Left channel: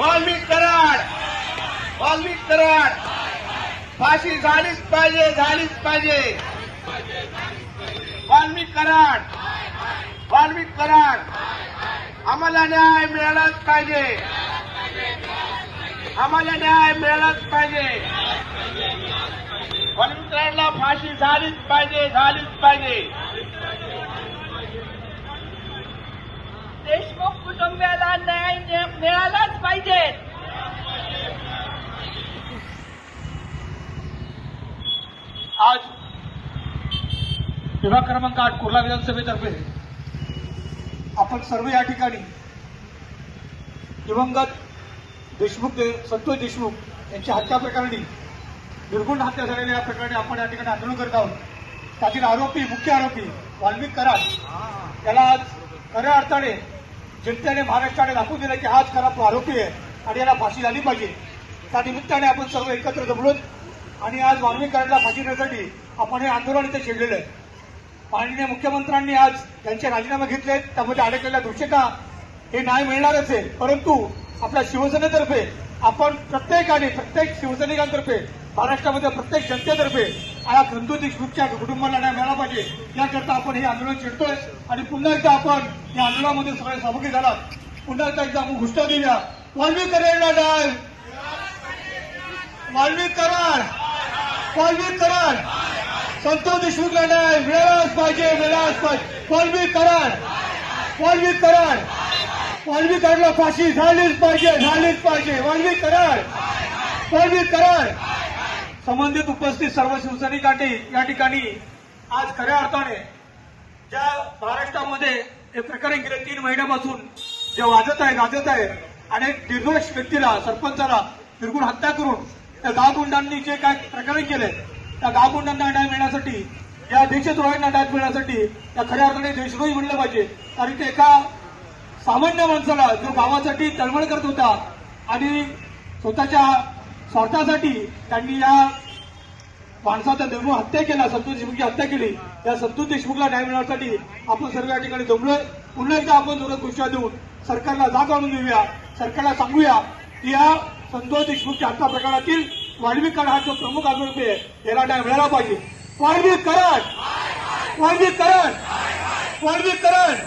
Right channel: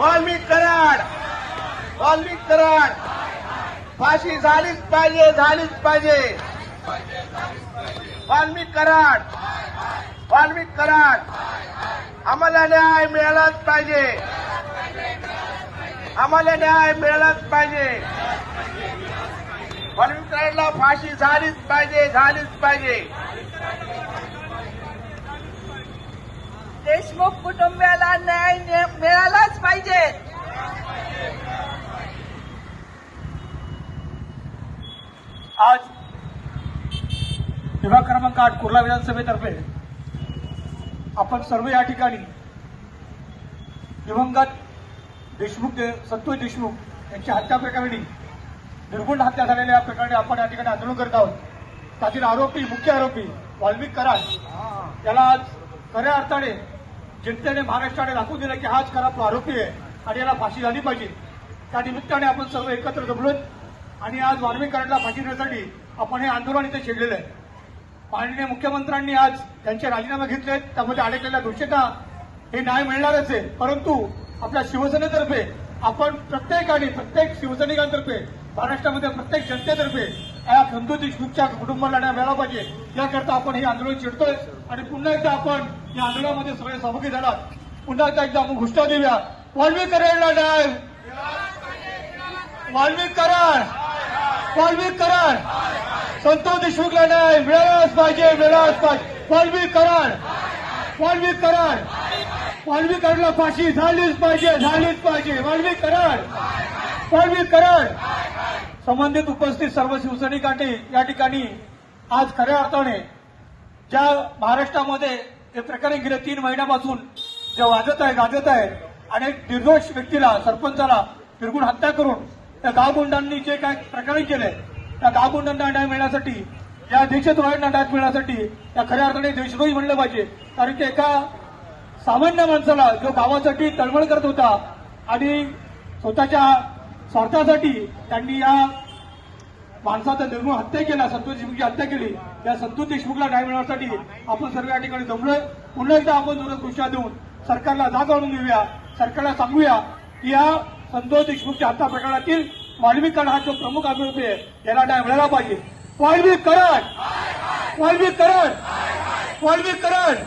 वाल्मिक कराड. फाशी झालीच पाहिजे झालीच पाहिजे. वाल्मिक कराड. वाल्मिक कराड. आम्हाला न्याय मिळालाच पाहिजे. आम्हाला न्याय मिळालाच पाहिजे. वाल्मिक कराडला फाशी झालीच पाहिजे झालीच पाहिजे. देशमुख कुटुंबियाला न्याय मिळालाच पाहिजे. आज विभाग क्रमांक आठ कुर्ला विधानसभेतर्फे आपण सर्व या ठिकाणी दिवंगत देशमुख संतोष देशमुख यांची हत्या प्रकरणी निर्गुण हत्या झालेल्या या प्रकरणी आपण या ठिकाणी आंदोलन करत आहोत. त्यातील आरोपी मुख्य आरोपी वाल्मिक कराड याला आज खऱ्या अर्थाने जनतेने महाराष्ट्राने दाखवून दिलं की हाच खरा तो आरोपी आहे आणि याला फाशी झाली पाहिजे. त्या निमित्ताने आपण सर्व एकत्र जमलो आणि आज वाल्मिक फाशी देण्यासाठी आपण हे आंदोलन इथे छेडलेलं आहे. माननीय मुख्यमंत्र्यांनी आज त्यांचे राजीनामे घेतले त्यामध्ये अडकलेल्या दोषींना हे न्याय मिळणारच आहे. परंतु आपल्या शिवसेनेतर्फे आपण प्रत्येकाने प्रत्येक शिवसैनिकांतर्फे महाराष्ट्रामध्ये प्रत्येक जनतेतर्फे या खंदू देशमुखच्या कुटुंबाला न्याय मिळाला पाहिजे. याकरता आपण हे आंदोलन छेडतोय. आणि पुन्हा एकदा आपण या आंदोलनामध्ये सगळे सहभागी झालात. पुन्हा एकदा एकदा आपण घोषणा देऊया. वाल्मिक करायला न्याय! वाल्मिक कराड. संतोष देशमुखला न्याय मिळालाच पाहिजे मिळालाच पाहिजे. वाल्मिक कराड. वाल्मिक कराड. वाल्मिक कराडला फाशी झालीच पाहिजे झालीच पाहिजे. वाल्मिक कराड. वाल्मिक कराड. संबंधित उपस्थित सर्व शिवसैनिकांनी या ठिकाणी आज खऱ्या अर्थाने ज्या महाराष्ट्रामध्ये हे प्रकरण गेल्या तीन महिन्यापासून जे वाजत आहे वाजत आहेत अनेक निर्दोष व्यक्तीला सरपंचाला निर्गुण हत्या करून त्या गावगुंडांनी जे काय प्रकरण केले त्या गावगुंडांना न्याय मिळण्यासाठी या दीक्षातुरांना न्याय मिळण्यासाठी त्या खऱ्या अर्थाने देशभोई म्हणलं पाहिजे. कारण ते एका सामान्य माणसाला जो गावासाठी तळमळ करत होता आणि स्वतःच्या स्वार्थासाठी त्यांनी या माणसाचा निर्मूळ हत्या केला संतोष देशमुखची हत्या केली या संतोष देशमुखला न्याय मिळवण्यासाठी आपण सर्व या ठिकाणी जमलोय पुन्हा एकदा आपण दूरदृष्ट्या देऊन सरकारला जाग आणून देऊया सरकारला सांगूया की या संतोष देशमुखच्या हत्या प्रकरणातील वाल्मिक कराड हा जो प्रमुख आरोपी आहे याला न्याय मिळाला पाहिजे. वाल्मिक कराड वाल्मिक कराड वाल्मिक कराड